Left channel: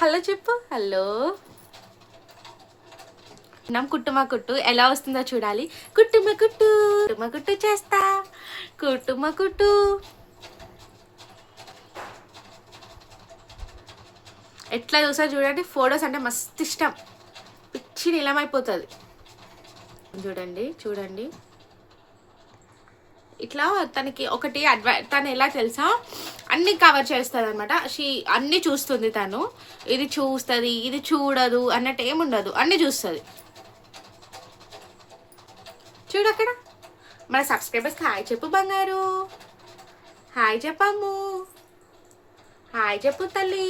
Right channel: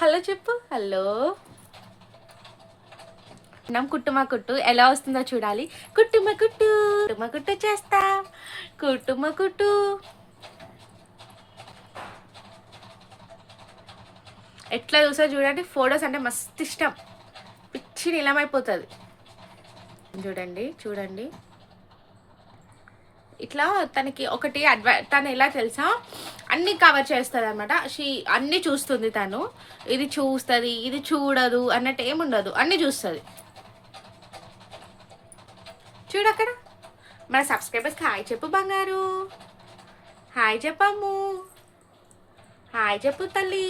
Hello చెప్పు. Hello కుట్టుమా కుట్టు ఎలా వస్తుందో చూడాలి. కుట్టుమ కుట్టు కుట్టుమ కుట్టు చేస్తా. కుట్టుమ కుట్టు. ఎట్లా చూసా చూడండి. ఫొటోస్ అంటే మస్తు ఇష్టం. పిచ్చి నిలమైపోతుంది. చూడండి చూడండి. ఇట్లా తనకి ఒకటి తను ఎలా తెలుసా, అన్ని కవర్ చేస్తుంది అనమాట. అన్ని చూస్తుంది తను. ఇది చూస్తుంది, ఇది చూడదు అన్నట్టు ఏముండదు, అన్ని చూస్తుంది. చూడు అక్కడ. మన సబ్స్క్రైబర్స్కి హాయ్ చెప్పు బంగారు. హాయ్ చెప్పమ్ము. హాయ్ చెప్పు తల్లి.